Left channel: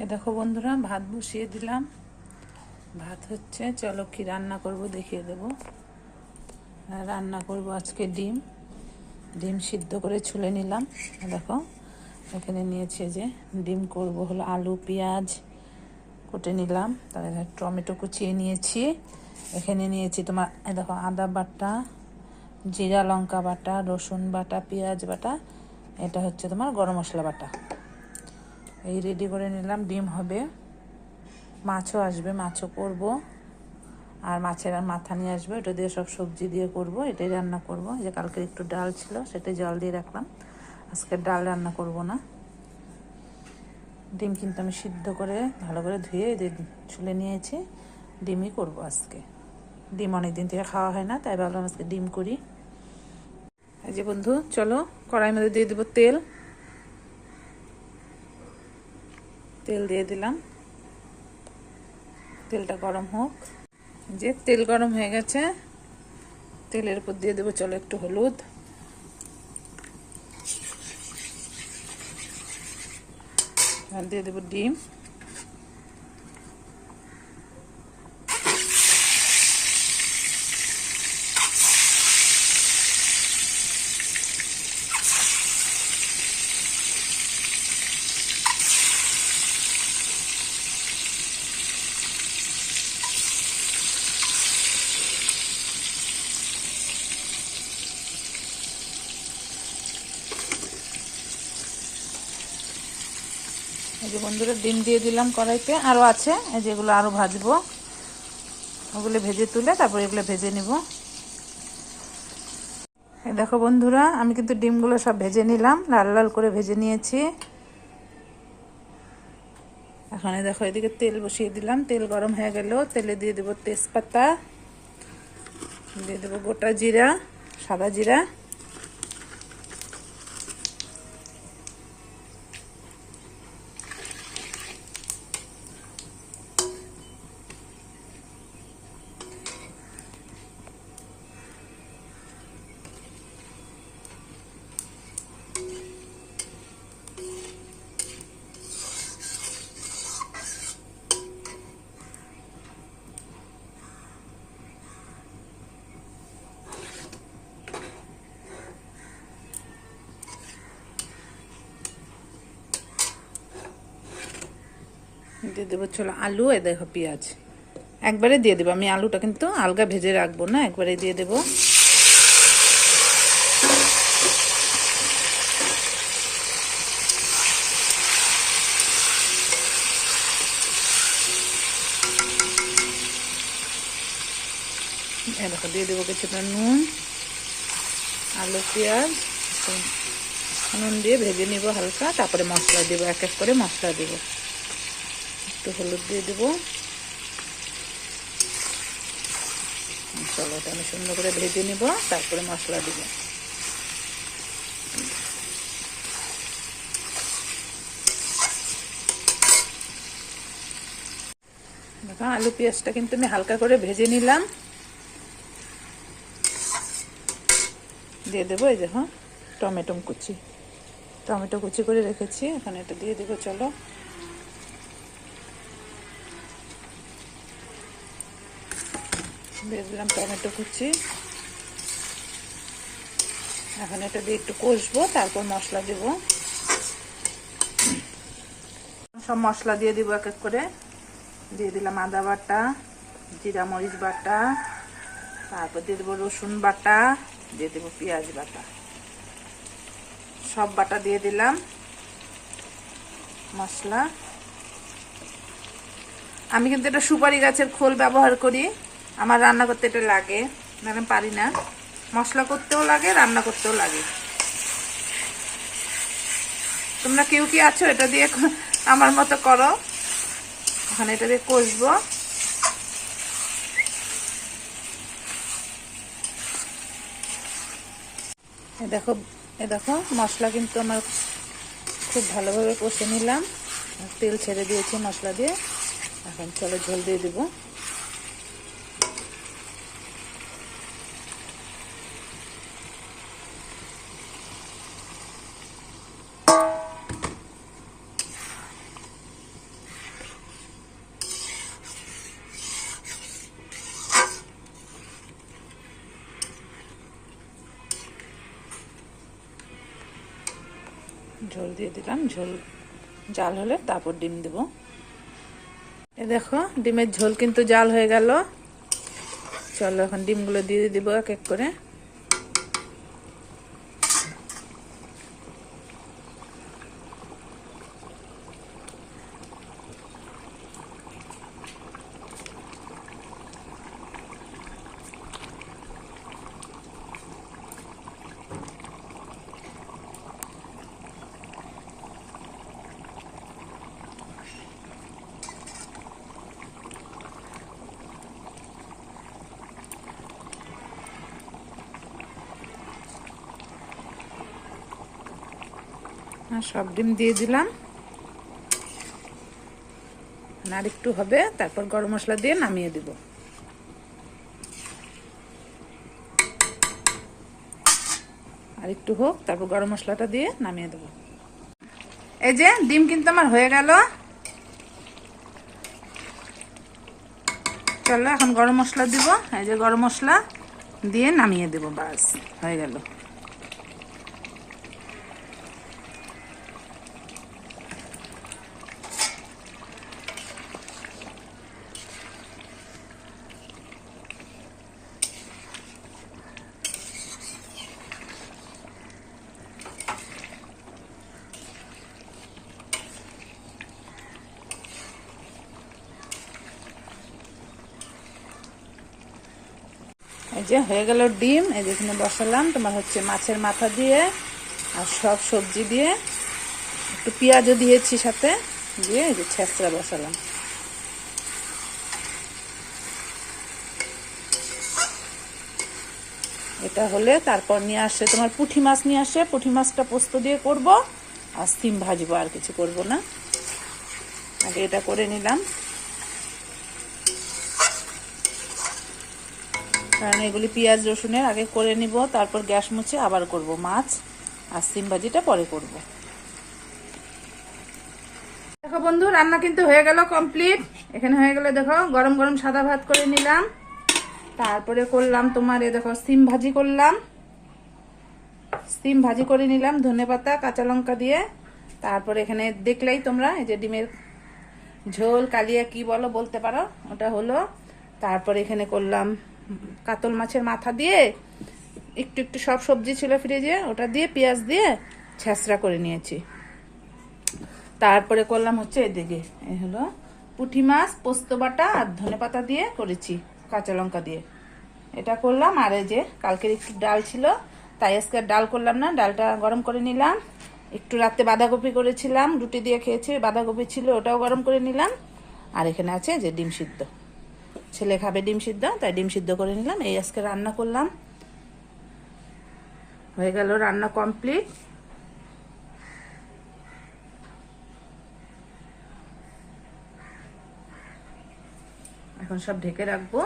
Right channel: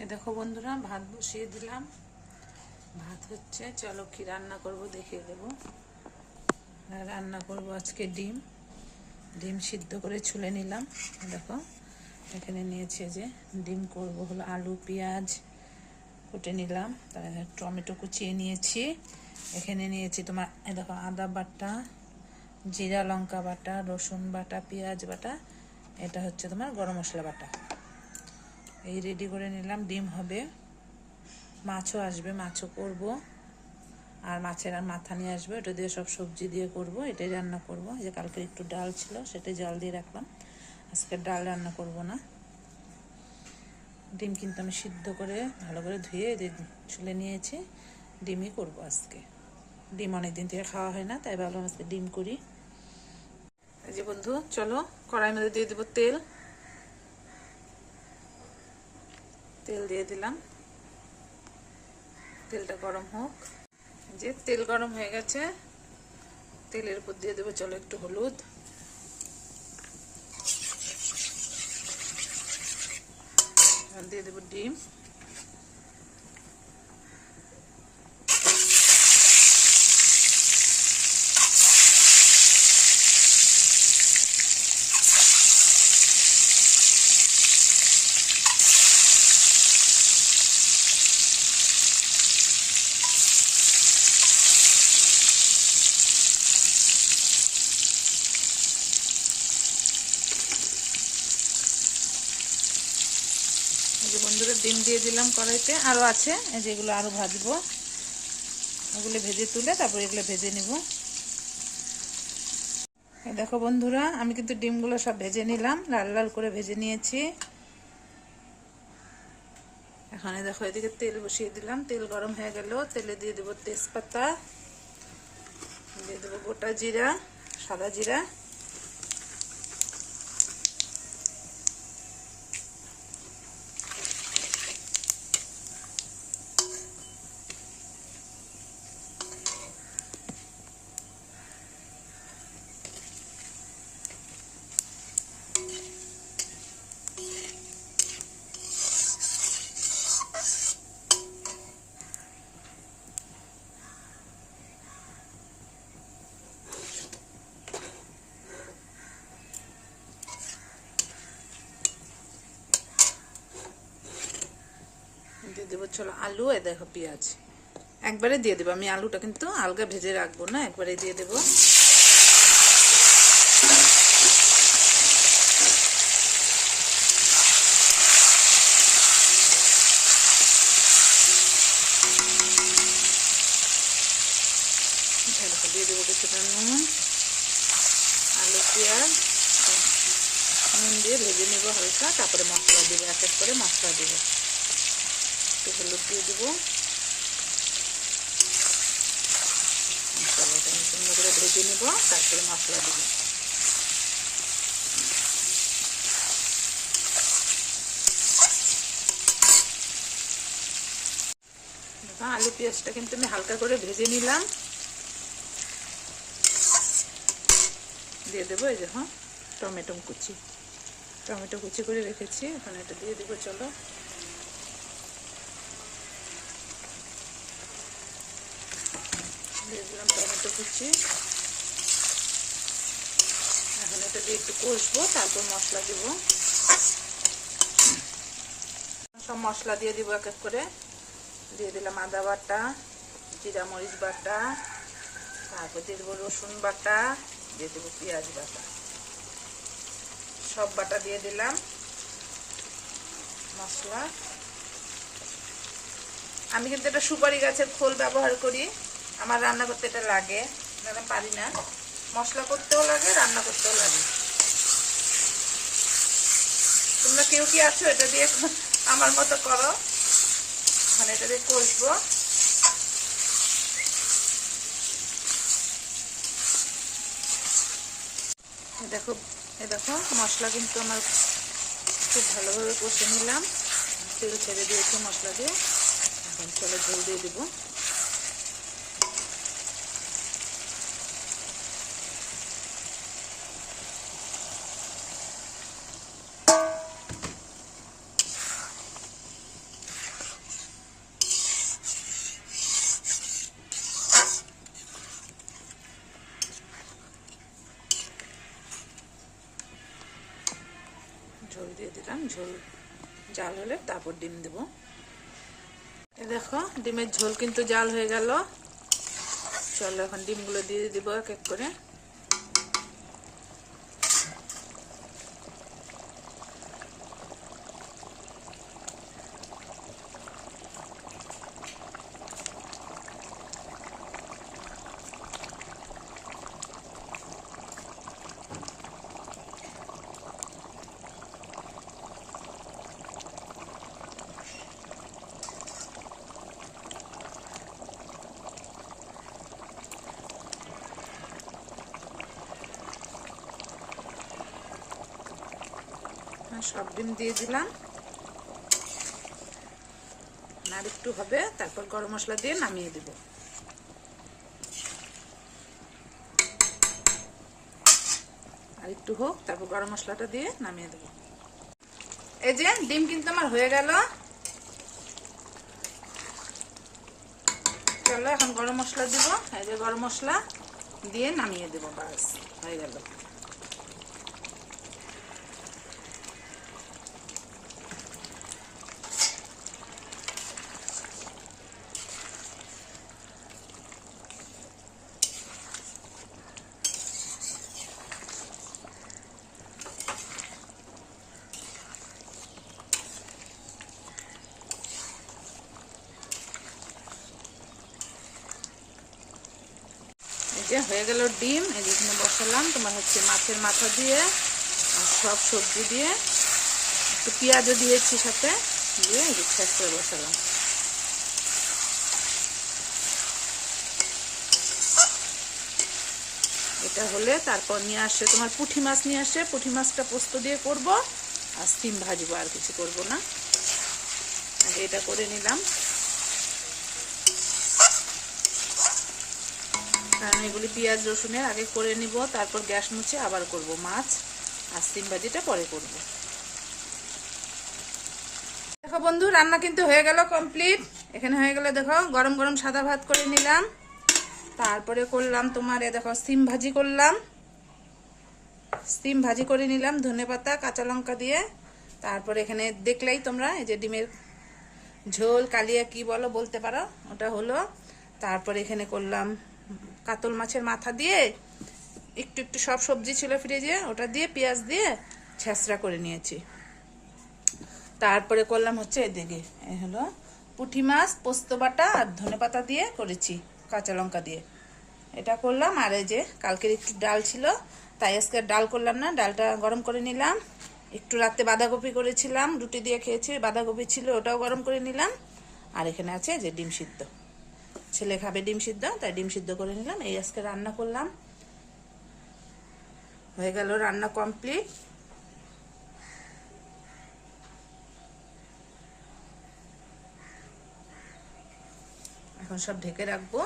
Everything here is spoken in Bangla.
এ দেখো বন্ধুরা, ভাত বসিয়ে দিলাম। ভাত হচ্ছে, চলো কি রান্না করব দেখিয়ে দেব। রান্না করব আজকে ডিম। ডিম সিদ্ধ করে ছুলে নিলাম। দেখো এখানে নিয়েছে যে ডিম করব হলো আলু পেঁয়াজ কুটে নিলাম, তারপরে টমেটো কুচিয়ে নিয়েছি। এখানে নিয়েছি তোমার দেখো আদা বাটা, জিরা লঙ্কা বাটা, রসুন বাটা, পেঁয়াজ বাটা, এটা হচ্ছে তোমার গরম মশলা বাটা। এই রেডি করে নিলাম। ডিম হবে, মাছও আসবে, মাছও করব, আর মাছের আর মাথা নিয়ে আসবে, এটা দিয়ে সব সবজি দিয়ে করব। এটাই রান্না করব। যে কালকে একটু ডাল ছিল, সেটাই জল দিয়ে রাখলাম। আজকে ডাল রান্না করব না। ডিম কিন্তু আমি সিদ্ধ করে ভালো করে ধুয়ে ছুলে নিয়েছি। ডিমই করব আজকে। ডিম অনেক দিন থেকে খাওয়া হয় না, তাই ভাবলাম আজকে ডিম করি। এই যে বন্ধু, চলো কড়াইয়ের মধ্যে দিয়ে দেবো তেল। তেল দিয়ে দিলাম, তেলটা গরম হোক। যে তেল গরম হয়ে গেছে, তেলের উপর দিয়ে দেবো চলো একটু হলুদ, আর দিয়ে দেবো ডিম। এই যে বন্ধুরা, ডিম দিয়ে দিলাম কড়াইতে, আরও আছে এই যেগুলো আরও ভাজবো। ওগুলো ভেজে তুলে তারপর এগুলো ভেজে নিব। এই দেখো বন্ধুরা, আমি কিন্তু ডিমগুলো সব ভেজে নিলাম, লাল লাল করে ভেজে নিয়েছি। এখন দেখো এদিকে তেল বসিয়ে দিলাম। তেল গরম হয়ে গেল, তেলে দিয়ে দেবো তেজপাতা, দিয়ে দেবো গোটা জিরা, সাদা জিরা, দিয়ে দেবো চলো আলু। এ দেখো পেঁয়াজ একবারে দিয়ে দেবো। আমি আলুটা কিন্তু আলগা ভেজে রাখবো না, একবারে দিয়ে দেবো। দেখো দিয়ে দেবো কিছুটা নুন, আলু পেঁয়াজ নুন দিয়ে ভেজে নেবো হালকা, তারপরে মশলা দেবো, এক এক করে মশলা দেবো। একটু হলুদ দিয়ে দেবো। মশলাটা আমি সুন্দর করে ভেজে নেব, তারপরে মশলা দেবো। দেখো আলু পেঁয়াজটা কিন্তু আমি হালকা করে ভেজে নিলাম। দিয়ে দেবো এই দেখো টমেটো কুচি করে রেখেছি, এখন এটা দিয়ে দেবো চলো। দিয়ে দিলাম টমেটো কুচি। এখন এটা দিয়ে একটু কষবো, তারপর মশলা দেব। সব মশলা দিয়ে দিব এক এক করে। দিয়ে দিলাম আদা বাটা, জিরা মরিচ বাটা, তারপর দিয়ে দেবো রসুন বাটা, দিয়ে দেবো পেঁয়াজ বাটা, সব বাটা দিয়ে দিলাম। মশলা আমি কিন্তু এটা সুপারি গাছের খোল ব্যবহার করি, আমার রান্না করতে এটা লাগে, আমি পারি না। মশলা করতেও লাগে, রান্না করতেও লাগে। তোমরা কেউ কি আছো এটা দিয়ে আমার মতো করো। এখন এটা দিয়ে কষবো। দেখো দেখো মশলা কিন্তু আমার খুব ভালোভাবে কষে নিলাম, তেল ছেড়ে দিয়েছি মশলা দিয়ে। এখন চলো ঝোল দিয়ে দেবো। দিয়ে দিলাম, ঝোল জাল হলে তারপর ডিম দেব। এই দেখো ডিমের ঝোল কিন্তু জাল হয়ে গেল। চলো এখন ডিমগুলো দিয়ে দিব এক এক করে। সব ডিম দিয়ে দিলাম, আর একটু হবে, তারপর গরম মশলা দিয়ে নামিয়ে দিব। আর একটু হোক, তারপর গরম মশলাটা দিয়ে নামিয়ে দেব। এই যে ডিম কিন্তু আমার হয়ে গেল। চলো এখন গরম মশলা দিব। এই যে গরম মশলা দিয়ে নামিয়ে দেব, বাস হয়ে গেল। এই যে হয়ে গেল ডিম। এই যে এখানে বসালাম তোমার হচ্ছে মাছের মাথা দিয়ে আর সব সবজি দিয়ে, একটু পেঁয়াজও দিয়েছি সাথে, দিয়ে এই যে ছেঁচড়া বসালাম। এটা হলে তারপর নিয়ে আসে তোমার পুঁটি মাছ নিয়ে আসে, পুঁটি মাছটা পোস্ত দিয়ে করব আর সিম ভাজবো, আর কিছু করব না। আগে এটা করে নিলাম, কারণ এগুলি পেঁয়াজ রসুনের আগে করে নিব, তারপর গ্যাস মুছে আবার করব মাছ, আর সিম ভাজিটা পরে করব। দেখো বন্ধু রান্না কিন্তু হয়ে গেল কমপ্লিট। এখানে হয়ে গেলে দেখো গরম গরম সাদা ভাত করে নিলাম, তারপরে করলাম তোমার এ দেখো সিম ভাজি করলাম, সিম ভাজি করে নিলাম ধনেপাতা কাঁচা লঙ্কা দিয়ে। তারপরে এখানে দেখলেই তোমরা এই যে ডিমের ঝোল কালিয়া কি বলো বলতে পারো, ওটা হলো। তারপরে এখানে করলাম কাতল মাছের মাথা দিয়ে, একটু একটু সব সবজি ছিল ফ্রিজে, ওটা দিয়ে পেঁয়াজ দিয়ে ছেঁচড়া করে নিয়েছি। তারপরে করলাম হচ্ছে এদিকে এই হলো পুঁটি মাছ পোস্ত বাটা আর ধনেপাতা দিয়ে করেছি কাঁচা লঙ্কা দিয়ে, এটা করলাম। আর এই যে কালকের একটু ডাল ছিল, তাই আজকে ডাল করলাম না, ডালটা গরম করে নিলাম। একটু রাতে বাঁধাকপি করেছিলাম, রুটি দিয়ে খেয়েছি, বাঁধাকপি ছিল ওটাও গরম করে নিলাম। আর এখানে আছে যে ডিম সিদ্ধ, ছেলে খাবে ডিম সিদ্ধ, তাই ডিম সিদ্ধ করে নিলাম। এই আজকে রান্না করলাম, হয়ে গেল রান্না কমপ্লিট। এখন সব ঢেকে রাখবো।